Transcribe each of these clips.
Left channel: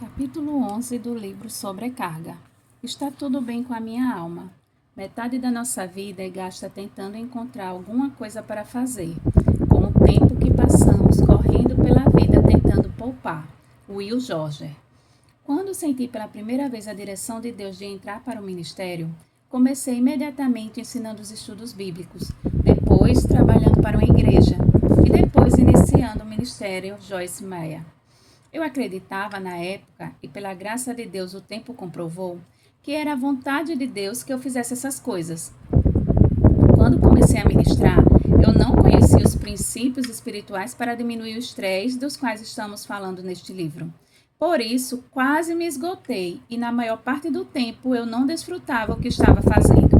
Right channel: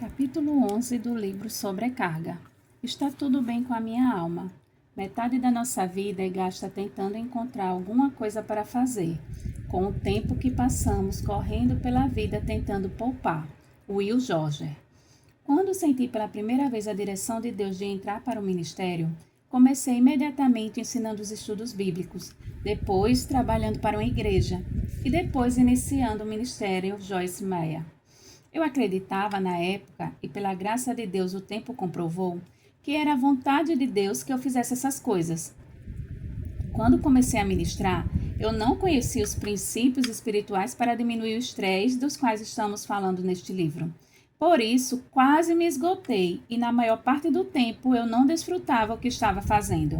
Capítulo 11 do livro Sobrecarga. Está tudo bem com a minha alma. Metade da nossa vida é gasta tentando encontrar alguma coisa para fazer, com o tempo que passamos correndo pela vida tentando poupar. Will Jorger. Quando senti pela primeira vez a direção de Deus de entrar para o ministério, comecei imediatamente ensinando os estudos bíblicos, depois trabalhando para uma igreja e depois iniciando o ministério Joyce Meyer. Eu acreditava na época, e pela graça de Deus o tempo comprovou, que era a vontade de Deus que eu fizesse essas coisas. Quando comecei a ministrar, eu não conhecia os princípios espirituais para diminuir o estresse dos quais estamos falando neste livro. Por isso, quase me esgotei e na maior parte do tempo eu não desfrutava o que estava fazendo.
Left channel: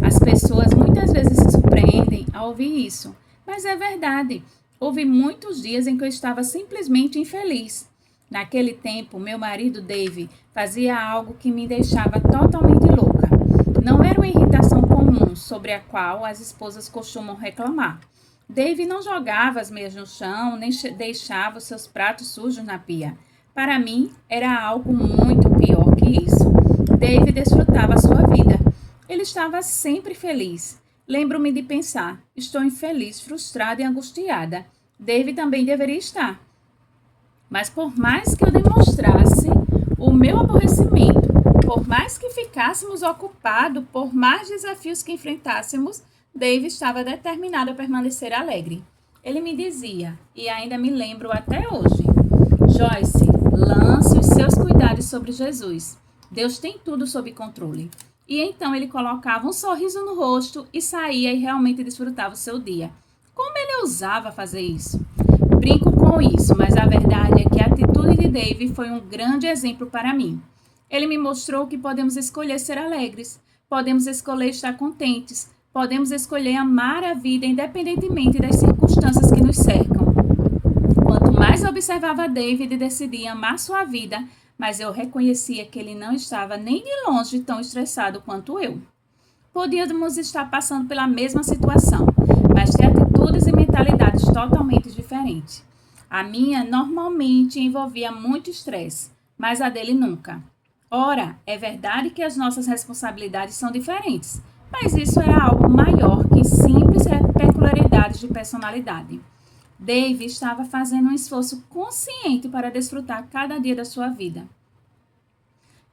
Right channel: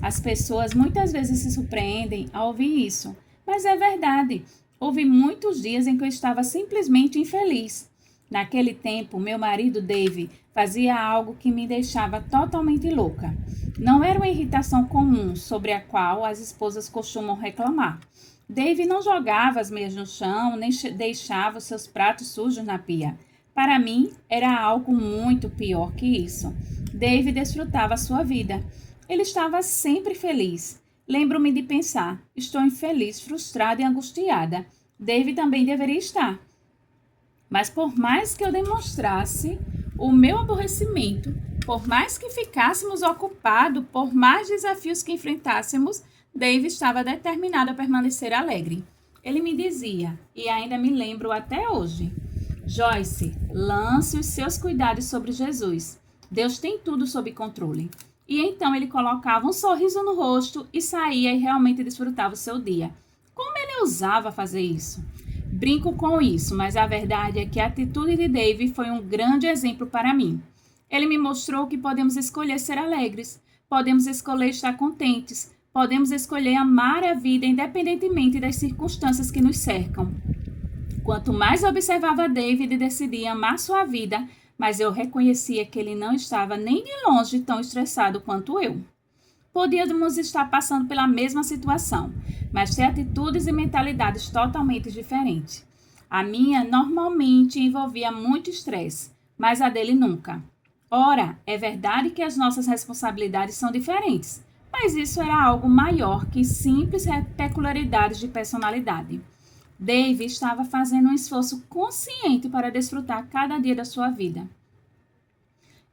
As pessoas muitas vezes se surpreendem ao ouvir isso, mas é verdade. Houve muitos dias em que eu estava simplesmente infeliz. Naquele tempo, meu marido Dave fazia algo que me deixava totalmente louca. Não era uma irritação comum sobre a qual as esposas costumam reclamar. Dave não jogava as meias no chão, nem deixava os seus pratos sujos na pia. Para mim, era algo muito pior que isso. Dave desfrutava a sua vida. Ele estava sempre feliz. Lembro-me de pensar, estou infeliz, frustrada e angustiada. Dave também deveria estar. Mas por mais que eu demonstrasse o meu aborrecimento, por mais que ficássemos ocupados, por mais desafios que enfrentássemos, Dave estava determinado a permanecer alegre. Ele me dizia, e ainda me lembro até hoje, Joyce, lance os seus cuidados sobre Jesus. Deus tem tudo sob controle. E então ele colocava um sorriso no rosto e saía e realmente desfrutava o seu dia. Como ele ousava fazer isso? Brinco com isso, mas a verdade é que a atitude de Dave foi um grande exemplo para mim. Ele me mostrou que podemos escolher ser alegres, podemos escolher estar contentes, podemos escolher amar a vida independentemente das circunstâncias que nos cercam. Quanto mais observava David, decidia amar sua vida, mas eu reconhecia que ele não estava nem de longe tão estressado quanto eu. Podíamos estar passando pela mesma situação, mas ter atitudes e mentalidades totalmente diferentes. A minha normalmente envolvia muito estresse, mas a dele nunca. Ora, é verdade que as nossas responsabilidades são diferentes, mas isso era algo maior que simples peculiaridades de personalidade. Dave estava fazendo um esforço consciente para desfrutar cada dia da sua vida.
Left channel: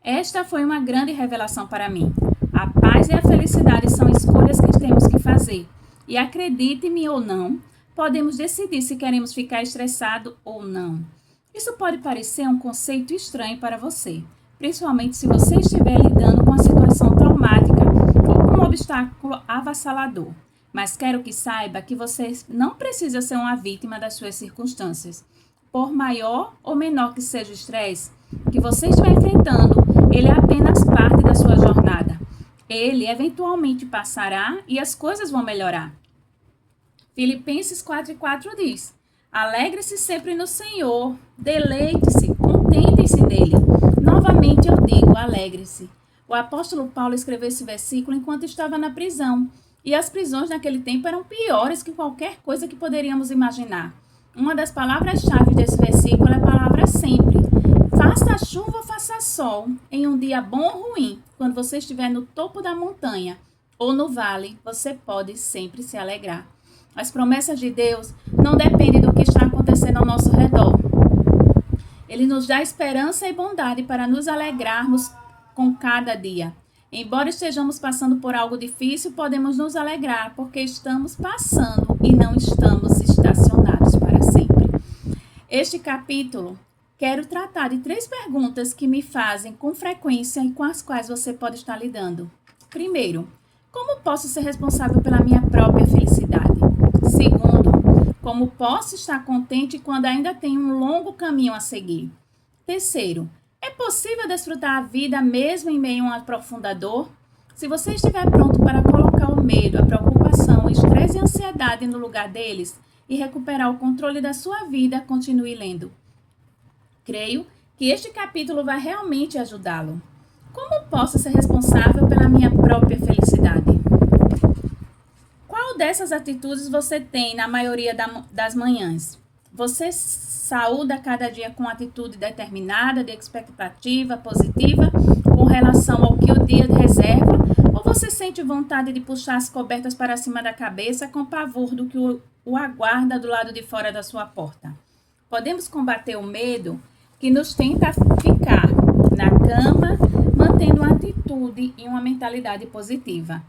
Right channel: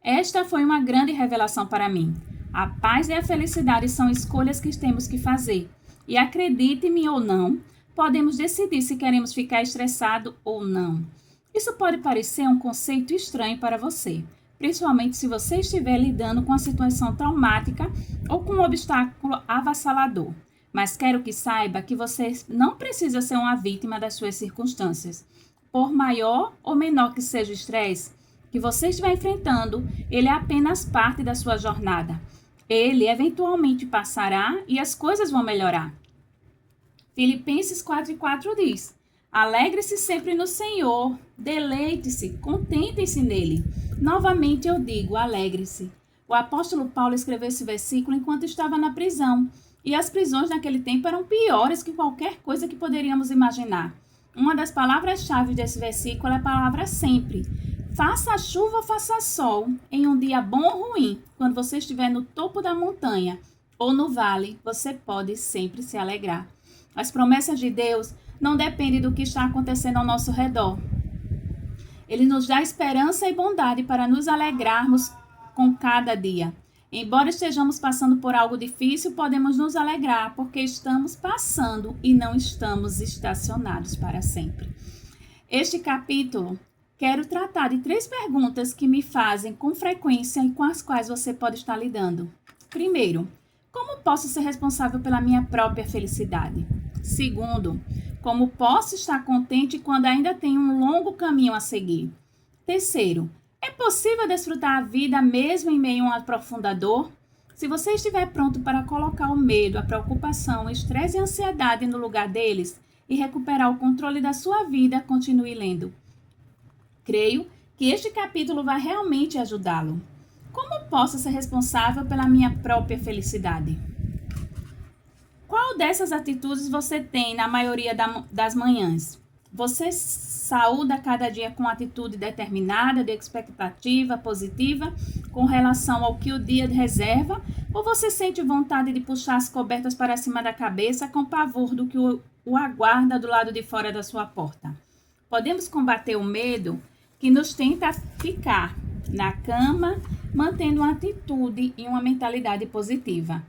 Esta foi uma grande revelação para mim. A paz e a felicidade são escolhas que temos que fazer. E acredite-me ou não, podemos decidir se queremos ficar estressado ou não. Isso pode parecer um conceito estranho para você, principalmente se você estiver lidando com uma situação traumática ou com um obstáculo avassalador. Mas quero que saiba que você não precisa ser uma vítima das suas circunstâncias. Por maior ou menor que seja o estresse que você estiver enfrentando, ele é apenas parte da sua jornada. Ele eventualmente passará e as coisas vão melhorar. Filipenses 4:4 diz: alegre-se sempre no Senhor, deleite-se, contentem-se nele. Novamente eu digo, alegre-se. O apóstolo Paulo escreveu esse versículo enquanto estava na prisão. E as prisões naquele tempo eram piores que qualquer coisa que poderíamos imaginar. Uma das palavras-chave desse versículo é a palavra sempre. Faça chuva ou faça sol, em um dia bom ou ruim, quando você estiver no topo da montanha ou no vale, você pode sempre se alegrar. As promessas de Deus não dependem do que está acontecendo ao nosso redor. Ele nos dá esperança e bondade para nos alegrarmos com cada dia. Embora estejamos passando por algo difícil, podemos nos alegrar, porque estamos passando e não estamos estacionados para sempre. Este capítulo, quero tratar de 3 perguntas que me fazem com frequência e com as quais você pode estar lidando. Primeiro, como posso ser responsável pela minha própria felicidade? Segundo, como posso estar contente quando ainda tenho um longo caminho a seguir? Terceiro, é possível desfrutar a vida mesmo em meio a uma profunda dor? Se você estiver pronto para colocar o medo, a preocupação, o estresse e a ansiedade no lugar deles e recuperar o controle da sua vida, continue lendo. Creio que este capítulo vai realmente ajudá-lo. Como posso ser responsável pela minha própria felicidade? Qual dessas atitudes você tem na maioria das manhãs? Você saúda cada dia com atitude determinada, de expectativa positiva, com relação ao que o dia reserva, ou você sente vontade de puxar as cobertas para cima da cabeça com pavor do que o aguarda do lado de fora da sua porta? Podemos combater o medo que nos tenta ficar na cama, mantendo uma atitude e uma mentalidade positiva.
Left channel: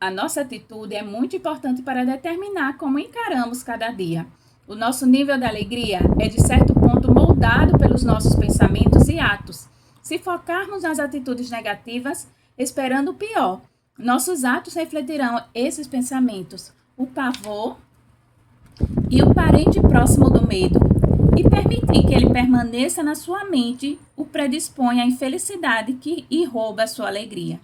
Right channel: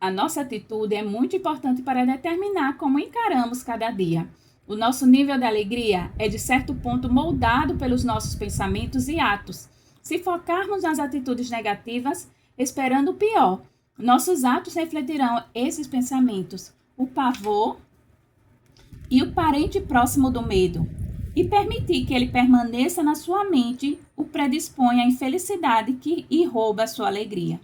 A nossa atitude é muito importante para determinar como encaramos cada dia. O nosso nível de alegria é, de certo ponto, moldado pelos nossos pensamentos e atos. Se focarmos nas atitudes negativas, esperando o pior, nossos atos refletirão esses pensamentos, o pavor e o parente próximo do medo. E permitir que ele permaneça na sua mente o predispõe à infelicidade e rouba a sua alegria.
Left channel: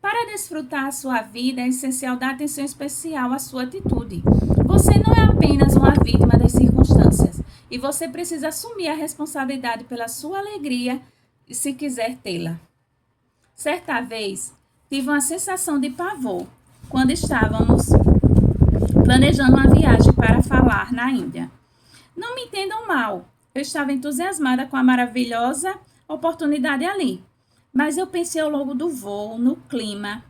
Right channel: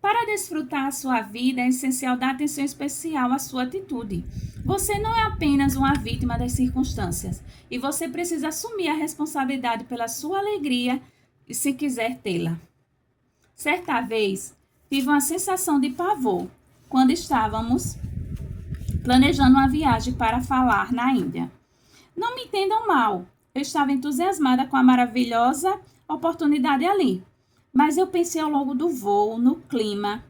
Para desfrutar a sua vida, é essencial dar atenção especial à sua atitude. Você não é apenas uma vítima das circunstâncias, e você precisa assumir a responsabilidade pela sua alegria se quiser tê-la. Certa vez, tive uma sensação de pavor quando estávamos planejando uma viagem para falar na Índia. Não me entendam mal, eu estava entusiasmada com a maravilhosa oportunidade ali. Mas eu pensei ao longo do voo, no clima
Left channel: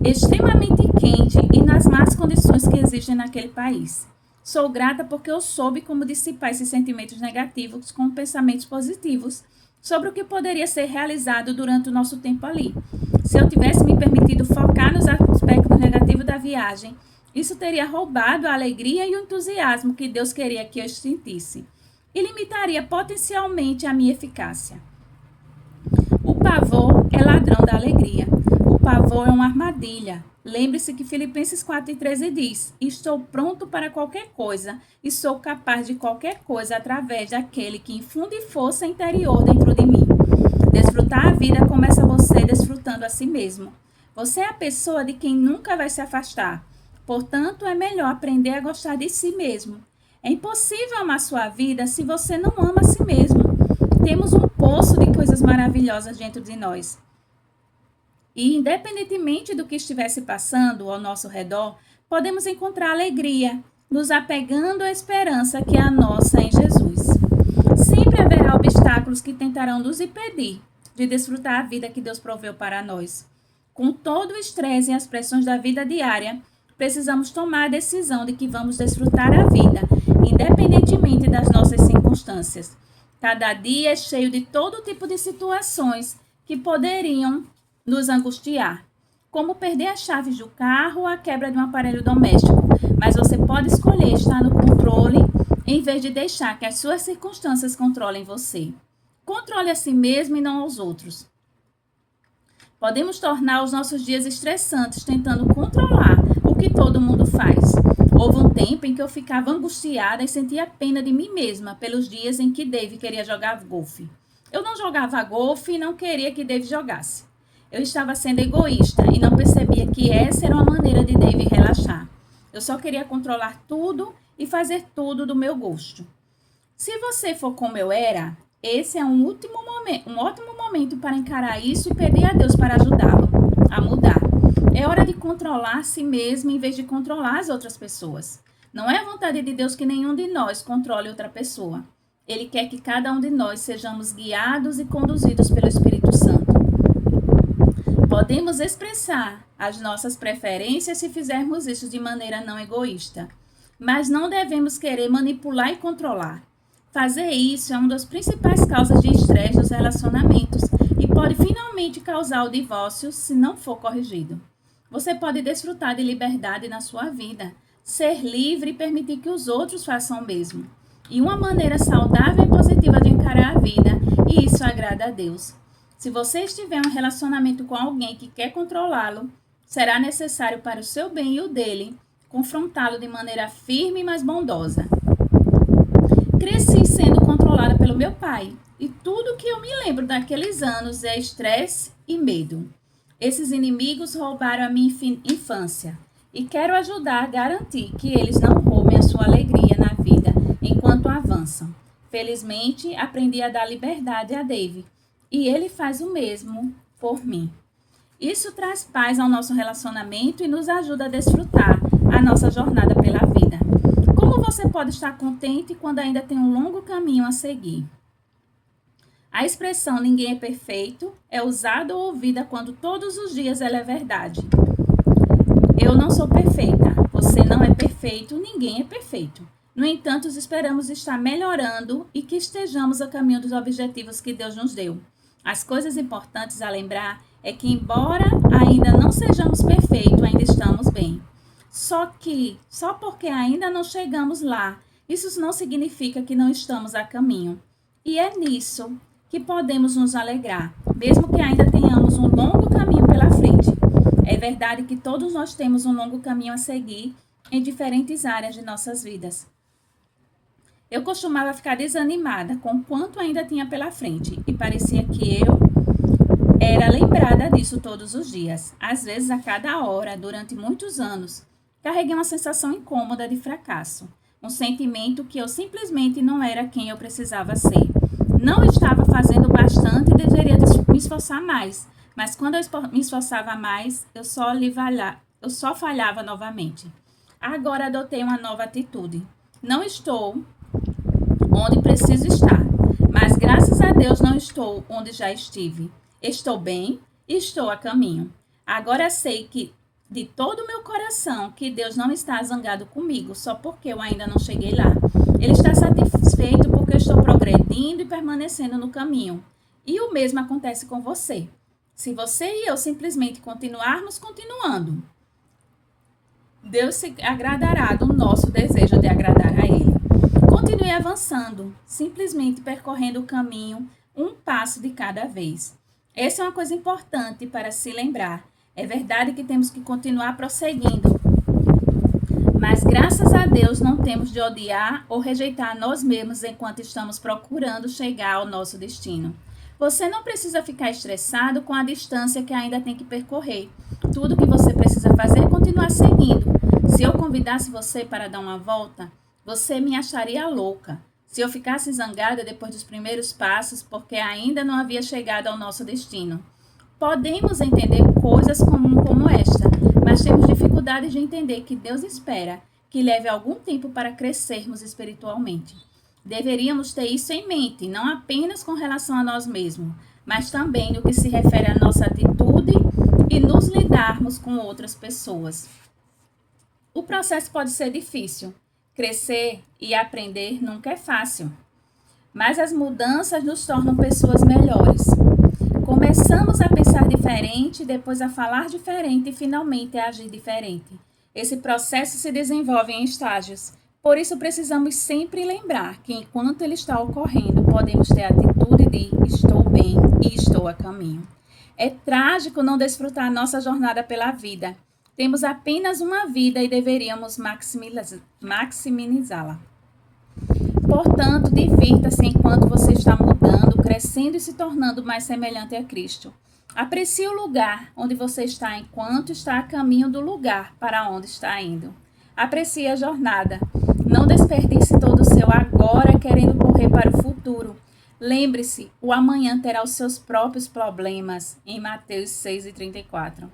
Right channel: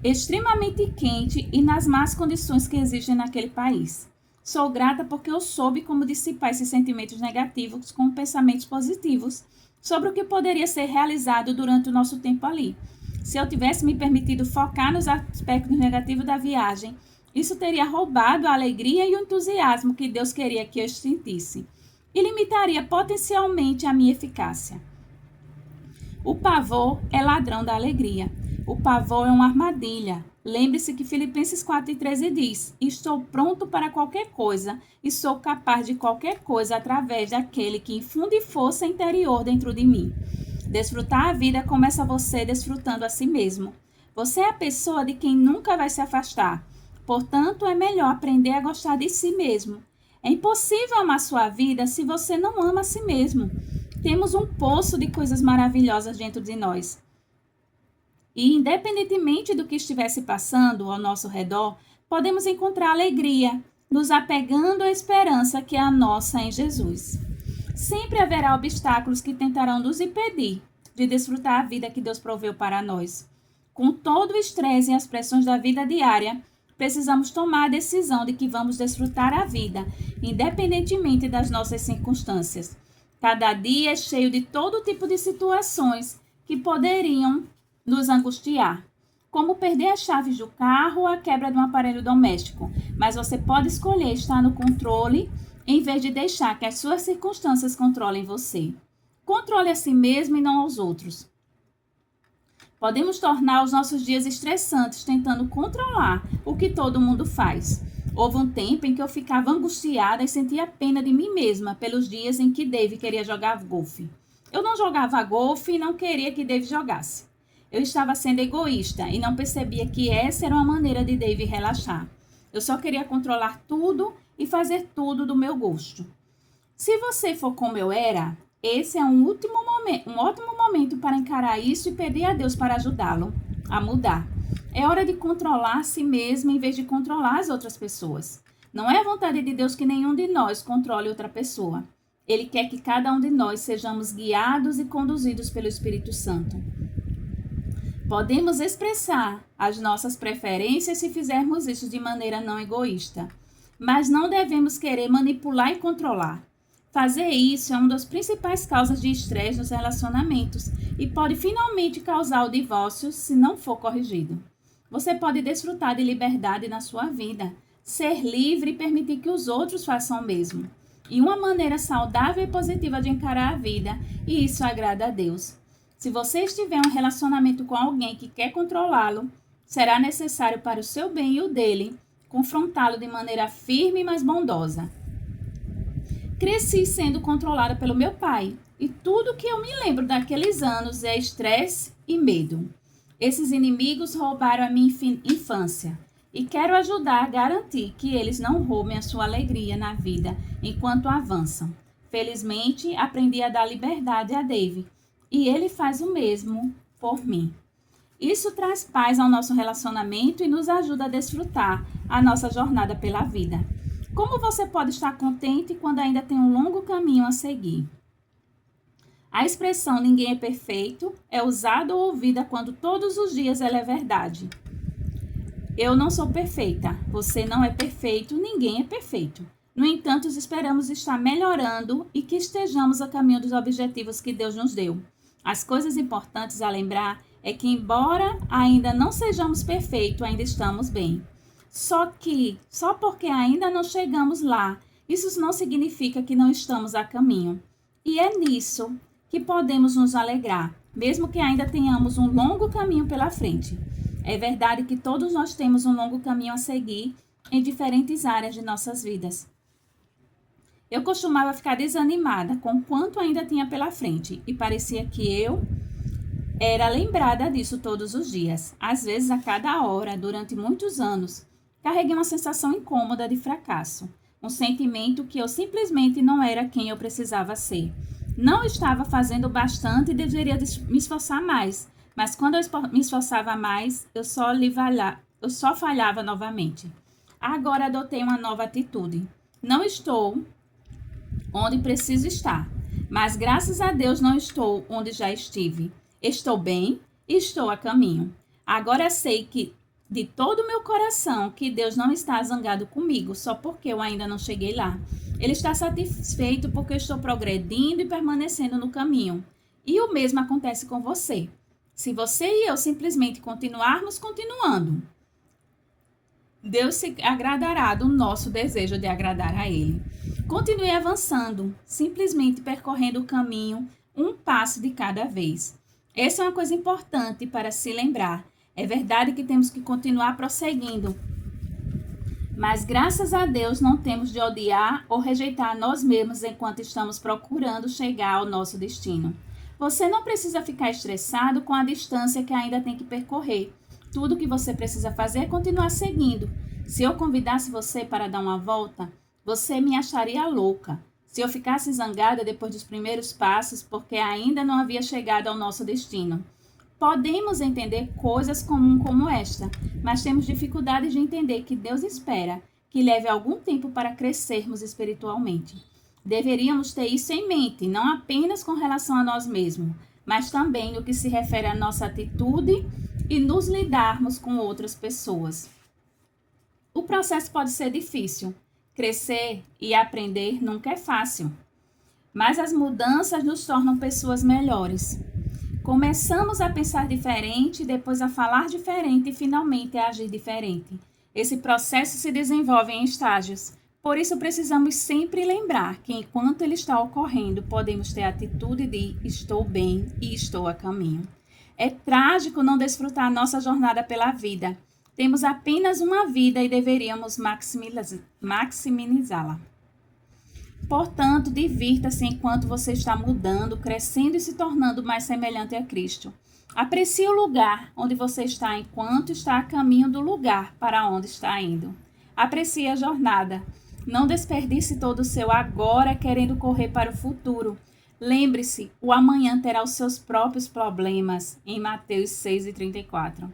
extremamente quente e nas más condições que existem naquele país. Sou grata porque eu soube como dissipar esses sentimentos negativos com pensamentos positivos sobre o que poderia ser realizado durante o nosso tempo ali. Se eu tivesse me permitido focar nos aspectos negativos da viagem, isso teria roubado a alegria e o entusiasmo que Deus queria que eu sentisse e limitaria potencialmente a minha eficácia. O pavor é ladrão da alegria. O pavor é uma armadilha. Lembre-se que Filipenses 4:13 diz: estou pronto para qualquer coisa e sou capaz de qualquer coisa através daquele que infunde força interior dentro de mim. Desfrutar a vida começa você desfrutando a si mesmo. Você é a pessoa de quem nunca vai se afastar. Portanto, é melhor aprender a gostar de si mesmo. É impossível amar sua vida se você não ama a si mesmo. Temos um poço de coisas maravilhosas dentro de nós. E, independentemente do que estivesse passando ao nosso redor, podemos encontrar alegria, nos apegando à esperança que é a nossa em Jesus. Sempre haverá obstáculos que tentarão nos impedir de desfrutar a vida que Deus proveu para nós. Com todo o estresse e as pressões da vida diária, precisamos tomar a decisão de que vamos desfrutar a vida, independentemente das nossas circunstâncias. Cada dia é cheio de todo tipo de situações que poderiam nos angustiar, como perder as chaves do carro ou a quebra de um aparelho doméstico. Mas você pode escolher estar no controle em vez de deixar que as suas circunstâncias controlem você. Controle a si mesmo e não aos outros. Podemos tornar os nossos dias estressantes tentando controlar o que todo mundo faz. Houve um tempo em que eu ficava angustiada e sentia pena de mim mesma pelos dias em que Dave queria jogar golfe. Eu não jogava golfe e não queria que Dave jogasse. Eu estava sendo egoísta e não percebia que essa era uma maneira de Dave relaxar. Eu só queria controlar tudo e fazer tudo do meu gosto. Se você for como eu era, esse é um ótimo momento para encarar isso e pedir a Deus para ajudá-lo a mudar. É hora de controlar a si mesmo em vez de controlar as outras pessoas. Não é a vontade de Deus que nenhum de nós controle outra pessoa. Ele quer que cada um de nós sejamos guiados e conduzidos pelo Espírito Santo. Podemos expressar as nossas preferências se fizermos isso de maneira não egoísta, mas não devemos querer manipular e controlar. Fazer isso é uma das principais causas de estresse dos relacionamentos e pode finalmente causar o divórcio se não for corrigido. Você pode desfrutar de liberdade na sua vida, ser livre e permitir que os outros façam o mesmo. E uma maneira saudável e positiva de encarar a vida, e isso agrada a Deus. Se você estiver em um relacionamento com alguém que quer controlá-lo, será necessário para o seu bem e o dele confrontá-lo de maneira firme, mas bondosa. Cresci sendo controlada pelo meu pai, e tudo que eu me lembro daqueles anos é estresse e medo. Esses inimigos roubaram a minha infância, e quero ajudar a garantir que eles não roubem a sua alegria na vida enquanto avançam. Felizmente, aprendi a dar liberdade a Dave, e ele faz o mesmo por mim. Isso traz paz ao nosso relacionamento e nos ajuda a desfrutar a nossa jornada pela vida. Como você pode estar contente quando ainda tem um longo caminho a seguir? A expressão ninguém é perfeito é usada ou ouvida quando todos os dias ela é verdade. Eu não sou perfeita, você não é perfeito, ninguém é perfeito. No entanto, esperamos estar melhorando e que estejamos a caminho dos objetivos que Deus nos deu. As coisas importantes a lembrar é que, embora ainda não sejamos perfeitos, ainda estamos bem. Só porque ainda não chegamos lá, isso não significa que não estamos a caminho. E é nisso que podemos nos alegrar, mesmo que ainda tenhamos um longo caminho pela frente. É verdade que todos nós temos um longo caminho a seguir em diferentes áreas de nossas vidas. Eu costumava ficar desanimada com quanto ainda tinha pela frente e parecia que eu era lembrada disso todos os dias, às vezes a cada hora, durante muitos anos. Carreguei uma sensação incômoda de fracasso, um sentimento que eu simplesmente não era quem eu precisava ser. Não estava fazendo bastante e deveria me esforçar mais, mas quando eu me esforçava mais, eu só falhava novamente. Agora adotei uma nova atitude. Não estou onde preciso estar, mas graças a Deus não estou onde já estive. Estou bem e estou a caminho. Agora sei que de todo o meu coração que Deus não está zangado comigo só porque eu ainda não cheguei lá. Ele está satisfeito porque eu estou progredindo e permanecendo no caminho. E o mesmo acontece com você. Se você e eu simplesmente continuarmos continuando, Deus se agradará do nosso desejo de agradar a Ele. Continue avançando, simplesmente percorrendo o caminho um passo de cada vez. Essa é uma coisa importante para se lembrar. É verdade que temos que continuar prosseguindo, mas graças a Deus não temos de odiar ou rejeitar nós mesmos enquanto estamos procurando chegar ao nosso destino. Você não precisa ficar estressado com a distância que ainda tem que percorrer. Tudo que você precisa fazer é continuar seguindo. Se eu convidasse você para dar uma volta, você me acharia louca. Se eu ficasse zangada depois dos primeiros passos, porque ainda não havia chegado ao nosso destino. Podemos entender coisas comuns como esta, mas temos dificuldade de entender que Deus espera que leve algum tempo para crescermos espiritualmente. Deveríamos ter isso em mente, não apenas com relação a nós mesmos, mas também no que se refere à nossa atitude e nos lidarmos com outras pessoas. O processo pode ser difícil. Crescer e aprender nunca é fácil, mas as mudanças nos tornam pessoas melhores. Começamos a pensar diferente, depois a falar diferente e finalmente a agir diferente. Esse processo se desenvolve em estágios. Por isso precisamos sempre lembrar que enquanto ele está ocorrendo, podemos ter a atitude de estou bem e estou a caminho. É trágico não desfrutar nossa jornada pela vida. Temos apenas uma vida e deveríamos maximizá-la. Portanto, divirta-se enquanto você está mudando, crescendo e se tornando mais semelhante a Cristo. Aprecie o lugar onde você está enquanto está a caminho do lugar para onde está indo. Aprecie a jornada. Não desperdice todo o seu agora querendo correr para o futuro. Lembre-se, o amanhã terá os seus próprios problemas, em Mateus 6:34.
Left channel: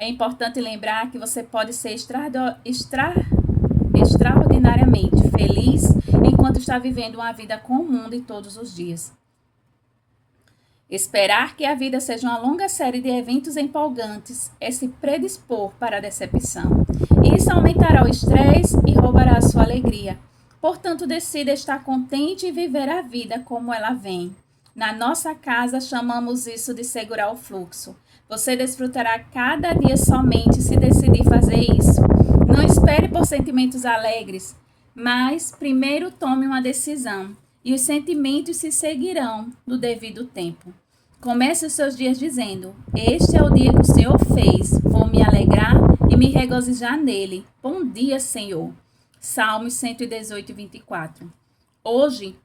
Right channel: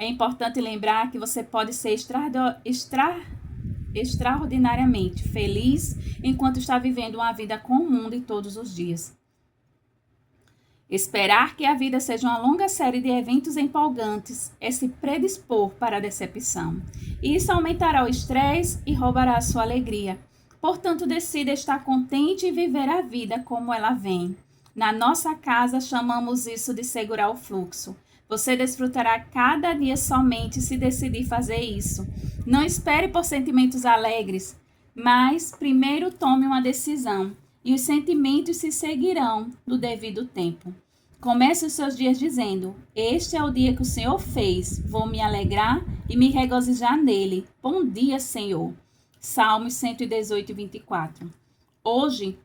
É importante lembrar que você pode ser extraordinariamente feliz enquanto está vivendo uma vida comum de todos os dias. Esperar que a vida seja uma longa série de eventos empolgantes é se predispor para a decepção. Isso aumentará o estresse e roubará a sua alegria. Portanto, decida estar contente e viver a vida como ela vem. Na nossa casa, chamamos isso de segurar o fluxo. Você desfrutará cada dia somente se decidir fazer isso. Não espere por sentimentos alegres, mas primeiro tome uma decisão e os sentimentos se seguirão no devido tempo. Comece os seus dias dizendo: este é o dia que o Senhor fez, vou me alegrar e me regozijar nele. Bom dia, Senhor. Salmos 118:24. Hoje,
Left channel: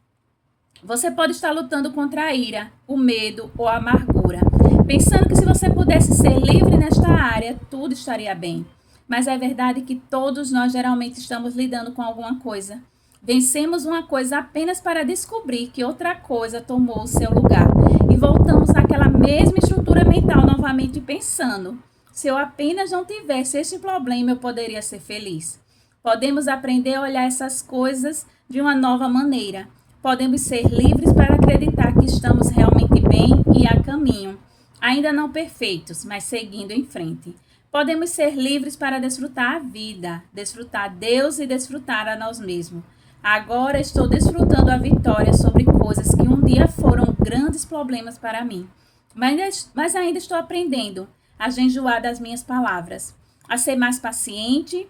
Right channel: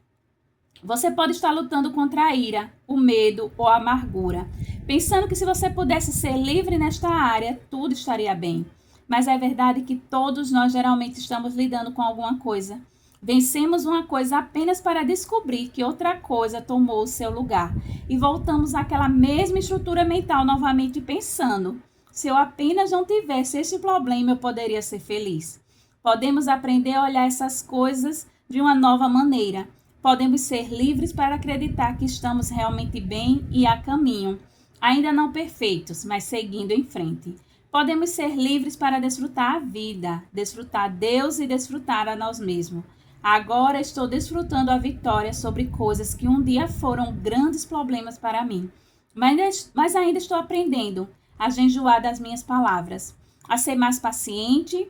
você pode estar lutando contra a ira, o medo ou a amargura, pensando que se você pudesse ser livre nesta área, tudo estaria bem. Mas é verdade que todos nós geralmente estamos lidando com alguma coisa. Vencemos uma coisa apenas para descobrir que outra coisa tomou o seu lugar. E voltamos àquela mesma estrutura mental novamente pensando: se eu apenas não tivesse este problema, eu poderia ser feliz. Podemos aprender a olhar essas coisas de uma nova maneira. Podemos ser livres para acreditar que estamos realmente bem e a caminho, ainda não perfeitos, mas seguindo em frente. Podemos ser livres para desfrutar a vida, desfrutar Deus e desfrutar a nós mesmos. Agora estou desfrutando a vitória sobre coisas que um dia foram grandes problemas para mim. Mas ainda estou aprendendo a jejuar das minhas palavras, a ser mais paciente,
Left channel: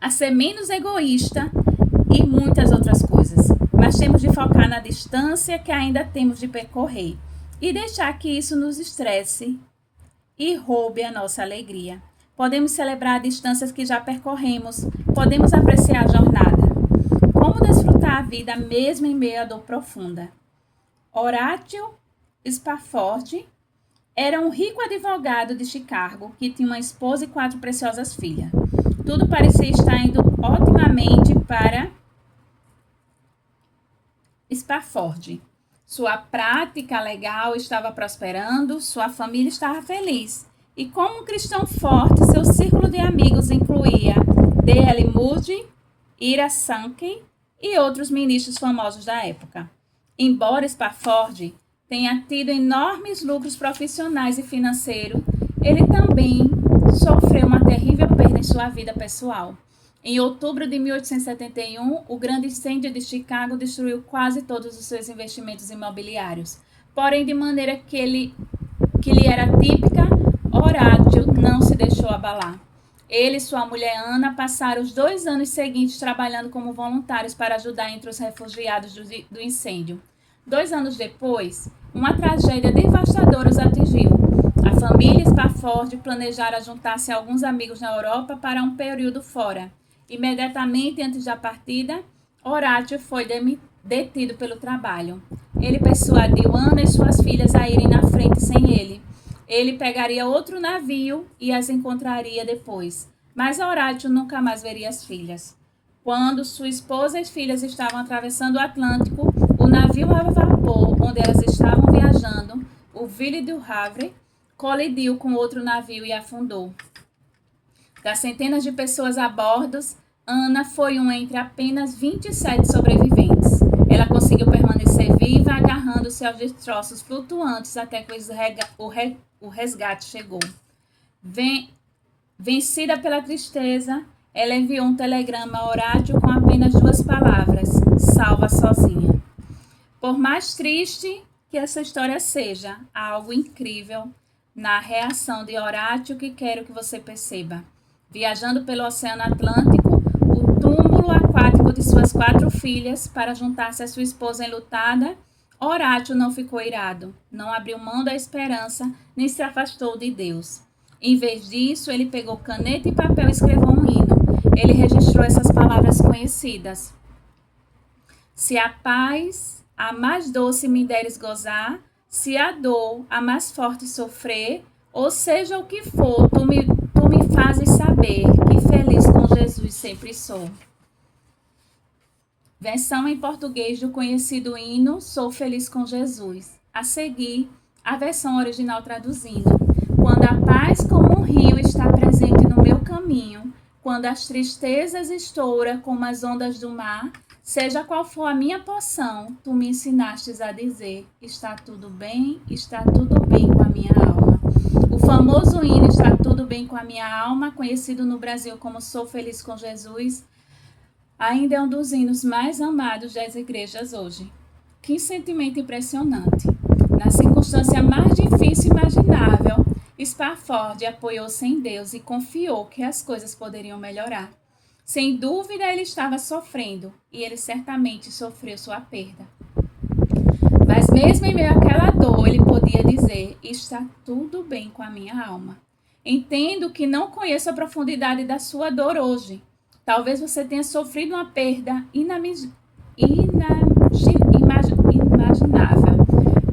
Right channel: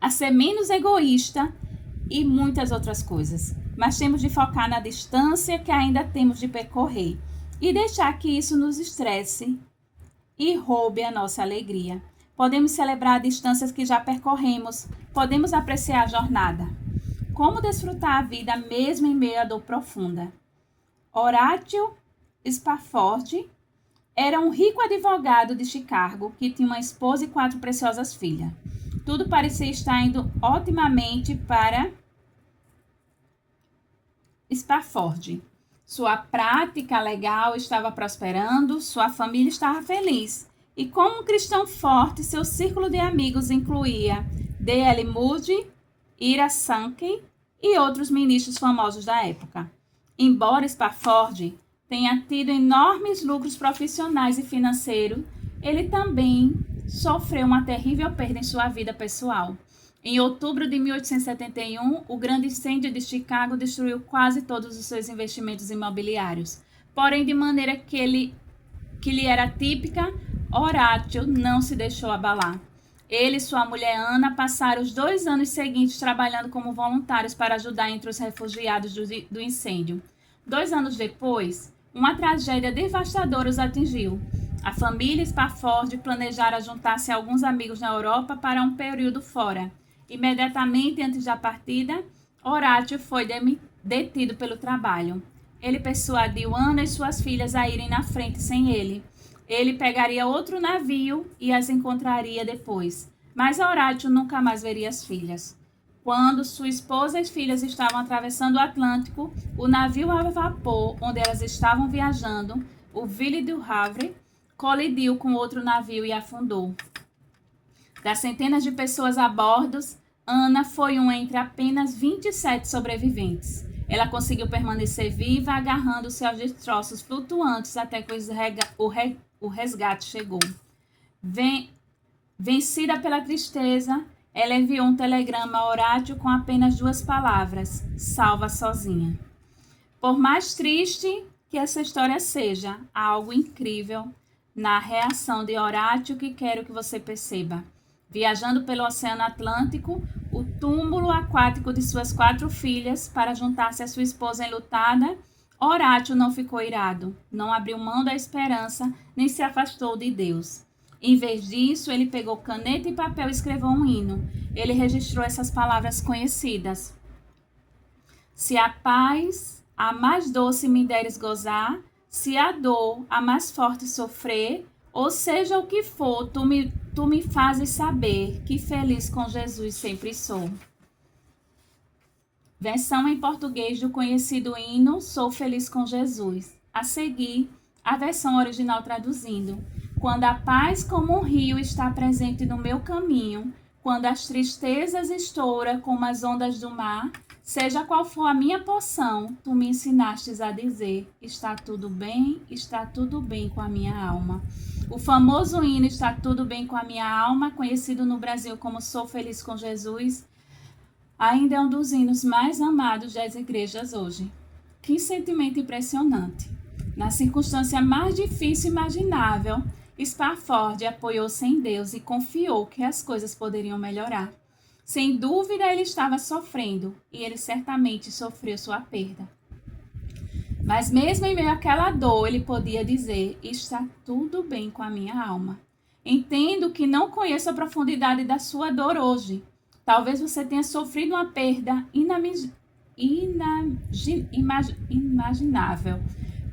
a ser menos egoísta e muitas outras coisas. Mas temos de focar na distância que ainda temos de percorrer e deixar que isso nos estresse e roube a nossa alegria. Podemos celebrar distâncias que já percorremos, podemos apreciar a jornada. Como desfrutar a vida mesmo em meio à dor profunda? Horatio Spafford era um rico advogado de Chicago que tinha uma esposa e 4 preciosas filhas. Tudo parecia estar indo otimamente para Spafford. Sua prática legal estava prosperando, sua família estava feliz. E como um cristão forte, seu círculo de amigos incluía D.L. Moody, Ira Sankey e outros ministros famosos da época. Embora Spafford tenha tido enormes lucros profissionais e financeiros, ele também sofreu uma terrível perda em sua vida pessoal. Em outubro de 1871, o grande incêndio de Chicago destruiu quase todos os seus investimentos imobiliários. Porém, de maneira que lhe era típica, Horatio não se deixou abalar. Ele e sua mulher Ana passaram os 2 anos seguintes trabalhando como voluntários para ajudar entre os refugiados do incêndio. 2 anos depois, uma tragédia devastadora os atingiu. A família Spafford planejara juntar-se a alguns amigos na Europa para um período fora. Imediatamente antes da partida, Horatio foi detido pelo trabalho. Ele persuadiu Ana e suas filhas a irem na frente sem ele. Ele pegaria outro navio e as encontraria depois. Mas Horatio nunca mais veria as filhas. Quando sua esposa e filhas estavam atravessando o Atlântico, o navio a vapor onde elas estavam viajando, o Ville du Havre, colidiu com outro navio e afundou. Das centenas de pessoas a bordo, Ana foi uma entre apenas 27 sobreviventes. Ela conseguiu permanecer viva, agarrando-se aos destroços flutuantes até que o resgate chegou. Vencida pela tristeza, ela enviou um telegrama a Horatio com apenas 2 palavras: salva sozinha. Por mais triste que essa história seja, há algo incrível na reação de Horatio que quero que você perceba. Viajando pelo Oceano Atlântico, o túmulo aquático de suas 4 filhas para juntar-se à sua esposa enlutada, Horatio não ficou irado, não abriu mão da esperança, nem se afastou de Deus. Em vez disso, ele pegou caneta e papel e escreveu um hino. Ele registrou essas palavras conhecidas: se a paz, a mais doce me deres gozar, se a dor, a mais forte sofrer, ou seja o que for, tu me fazes saber que feliz com Jesus sempre sou. Versão em português do conhecido hino Sou Feliz com Jesus. A seguir, a versão original traduzindo: quando a paz como um rio está presente no meu caminho, quando as tristezas estouram como as ondas do mar, seja qual for a minha porção, tu me ensinastes a dizer: está tudo bem com a minha alma. O famoso hino Está Tudo Bem com a Minha Alma, conhecido no Brasil como Sou Feliz com Jesus, ainda é um dos hinos mais amados das igrejas hoje. Que sentimento impressionante! Na circunstância mais difícil imaginável, Spafford apoiou-se em Deus e confiou que as coisas poderiam melhorar. Sem dúvida, ele estava sofrendo, e ele certamente sofreu sua perda. Mas mesmo em meio àquela dor, ele podia dizer: está tudo bem com a minha alma. Entendo que não conheço a profundidade da sua dor hoje. Talvez você tenha sofrido uma perda inimaginável,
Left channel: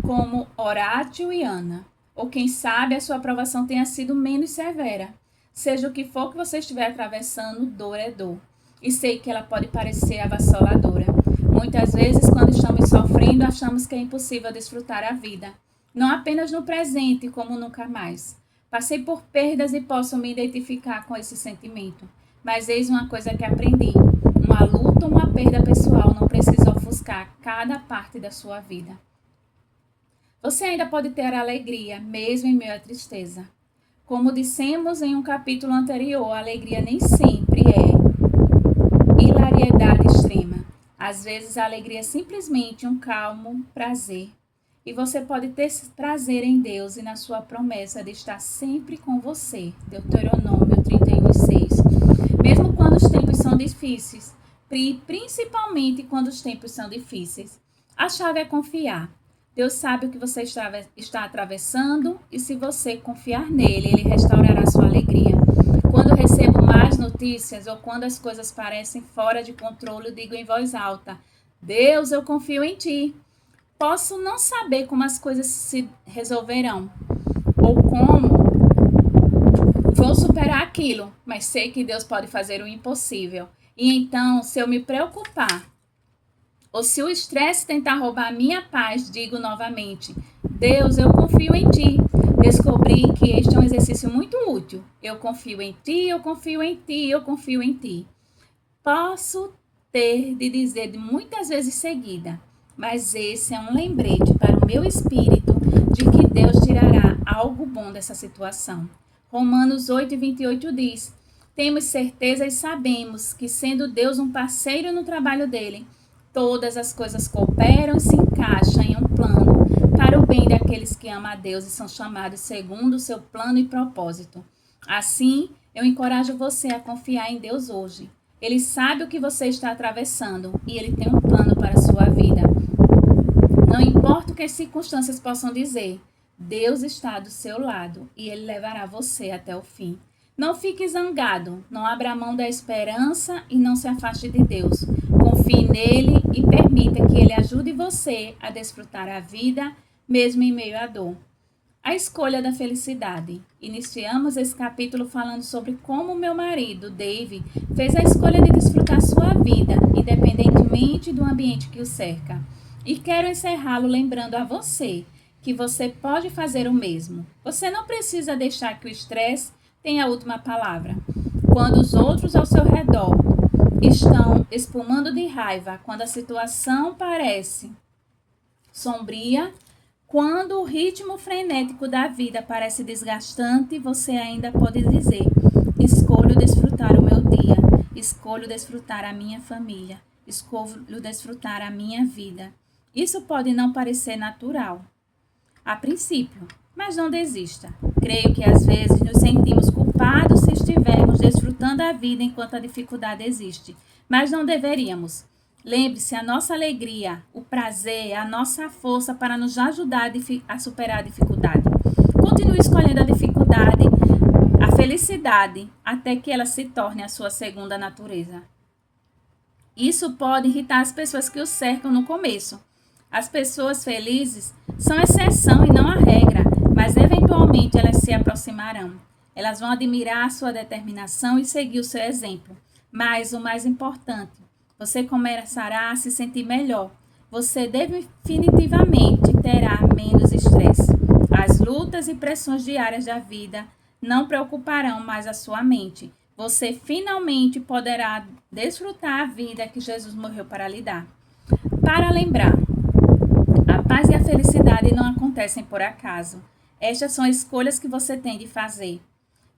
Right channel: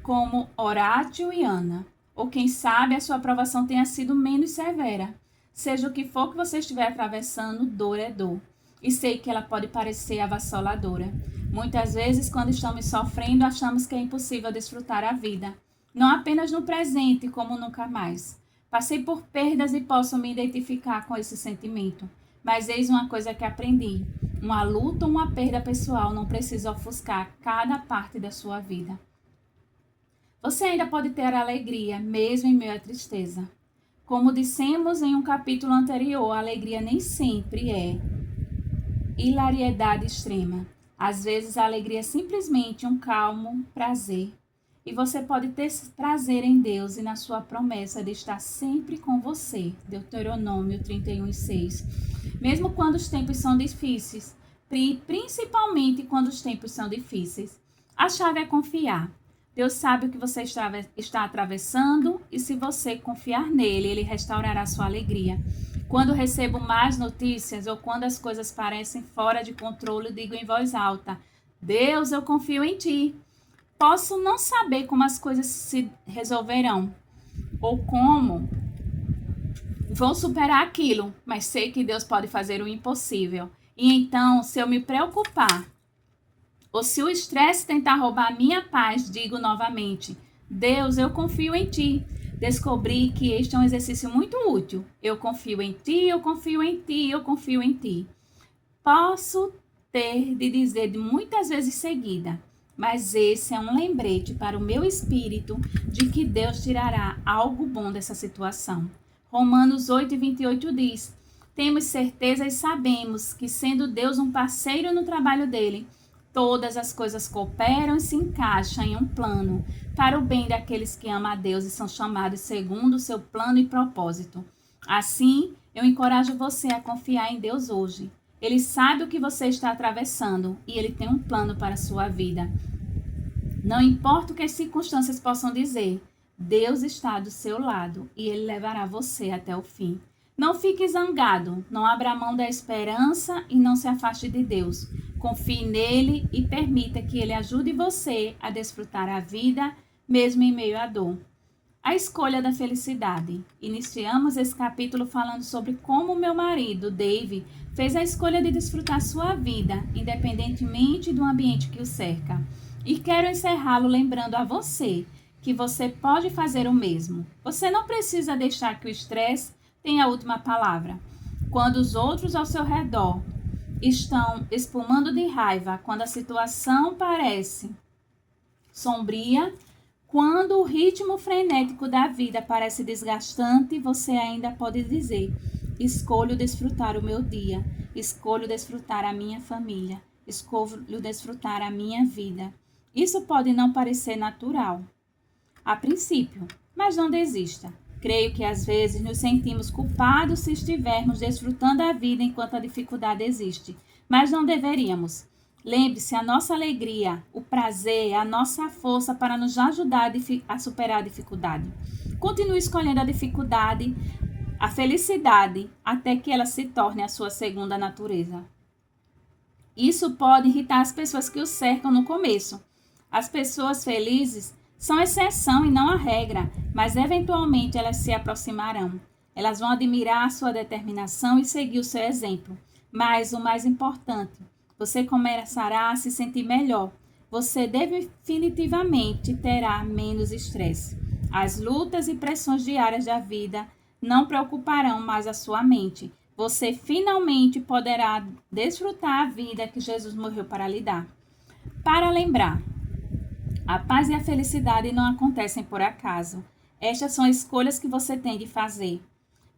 como Horatio e Ana. Ou quem sabe a sua provação tenha sido menos severa. Seja o que for que você estiver atravessando, dor é dor. E sei que ela pode parecer avassaladora. Muitas vezes, quando estamos sofrendo, achamos que é impossível desfrutar a vida. Não apenas no presente, como nunca mais. Passei por perdas e posso me identificar com esse sentimento. Mas eis uma coisa que aprendi: uma luta ou uma perda pessoal não precisa ofuscar cada parte da sua vida. Você ainda pode ter alegria, mesmo em meio à tristeza. Como dissemos em um capítulo anterior, a alegria nem sempre é hilariedade extrema. Às vezes a alegria é simplesmente um calmo prazer. E você pode ter prazer em Deus e na sua promessa de estar sempre com você. Deuteronômio 31:6. Mesmo quando os tempos são difíceis, principalmente quando os tempos são difíceis. A chave é confiar. Deus sabe o que você está atravessando e se você confiar nele, ele restaurará sua alegria. Quando recebo más notícias ou quando as coisas parecem fora de controle, eu digo em voz alta: Deus, eu confio em ti. Posso não saber como as coisas se resolverão ou como vou superar aquilo, mas sei que Deus pode fazer o impossível. E então, se eu me preocupar ou se o estresse tentar roubar a minha paz, digo novamente: Deus, eu confio em ti. Descobri que este é um exercício muito útil. Eu confio em ti, eu confio em ti, eu confio em ti. Posso ter de dizer muitas vezes seguida, mas esse é um lembrete para o meu espírito de que Deus tirará algo bom dessa situação. Romanos 8:28 diz: temos certeza e sabemos que, sendo Deus um parceiro no trabalho dele, todas as coisas cooperam e se encaixam em um plano para o bem daqueles que amam a Deus e são chamados segundo o seu plano e propósito. Assim, eu encorajo você a confiar em Deus hoje. Ele sabe o que você está atravessando e ele tem um plano para a sua vida. Não importa o que as circunstâncias possam dizer, Deus está do seu lado e ele levará você até o fim. Não fique zangado, não abra mão da esperança e não se afaste de Deus. Confie nele e permita que ele ajude você a desfrutar a vida, mesmo em meio à dor. A escolha da felicidade. Iniciamos esse capítulo falando sobre como meu marido, Dave, fez a escolha de desfrutar sua vida, independentemente do ambiente que o cerca. E quero encerrá-lo lembrando a você que você pode fazer o mesmo. Você não precisa deixar que o estresse tenha a última palavra. Quando os outros ao seu redor estão espumando de raiva, quando a situação parece sombria, quando o ritmo frenético da vida parece desgastante, você ainda pode dizer: escolho desfrutar o meu dia, escolho desfrutar a minha família, escolho desfrutar a minha vida. Isso pode não parecer natural a princípio, mas não desista. Creio que às vezes nos sentimos culpados se estivermos desfrutando a vida enquanto a dificuldade existe, mas não deveríamos. Lembre-se, a nossa alegria, o prazer, é a nossa força para nos ajudar a superar a dificuldade. Continue escolhendo a dificuldade, a felicidade, até que ela se torne a sua segunda natureza. Isso pode irritar as pessoas que o cercam no começo. As pessoas felizes são exceção e não a regra, mas eventualmente elas se aproximarão. Elas vão admirar a sua determinação e seguir o seu exemplo. Mas o mais importante, você começará a se sentir melhor. Você definitivamente terá menos estresse. As lutas e pressões diárias da vida não preocuparão mais a sua mente. Você finalmente poderá desfrutar a vida que Jesus morreu para lhe dar. Para lembrar, a paz e a felicidade não acontecem por acaso. Estas são escolhas que você tem de fazer.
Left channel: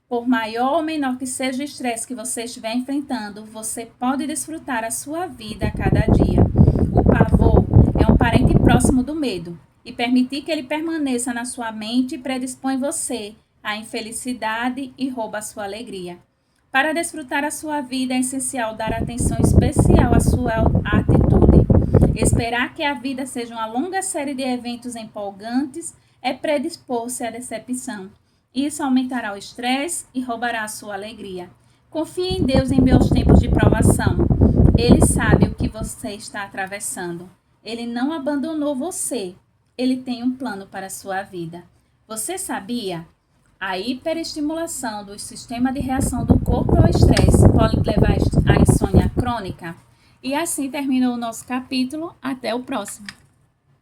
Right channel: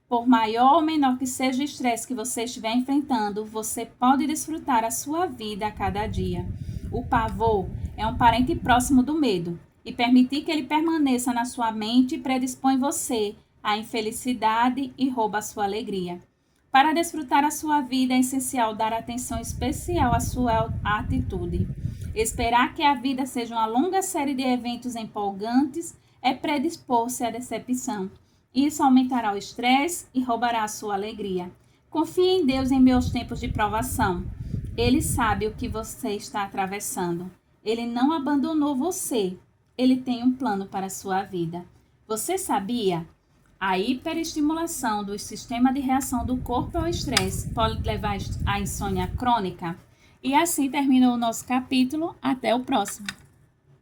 Por maior ou menor que seja o estresse que você estiver enfrentando, você pode desfrutar a sua vida a cada dia. O pavor é um parente próximo do medo, e permitir que ele permaneça na sua mente predispõe você à infelicidade e rouba a sua alegria. Para desfrutar a sua vida é essencial dar atenção especial à sua atitude. Esperar que a vida seja uma longa série de eventos empolgantes é predispor-se à decepção. Isso aumentará o estresse e roubará a sua alegria. Confie em Deus em meus tempos de provação. Ele sabe o que você está atravessando. Ele não abandonou você. Ele tem um plano para a sua vida. Você sabia? A hiperestimulação do sistema de reação do corpo ao estresse pode levar à insônia crônica. E assim terminou o nosso capítulo. Até o próximo.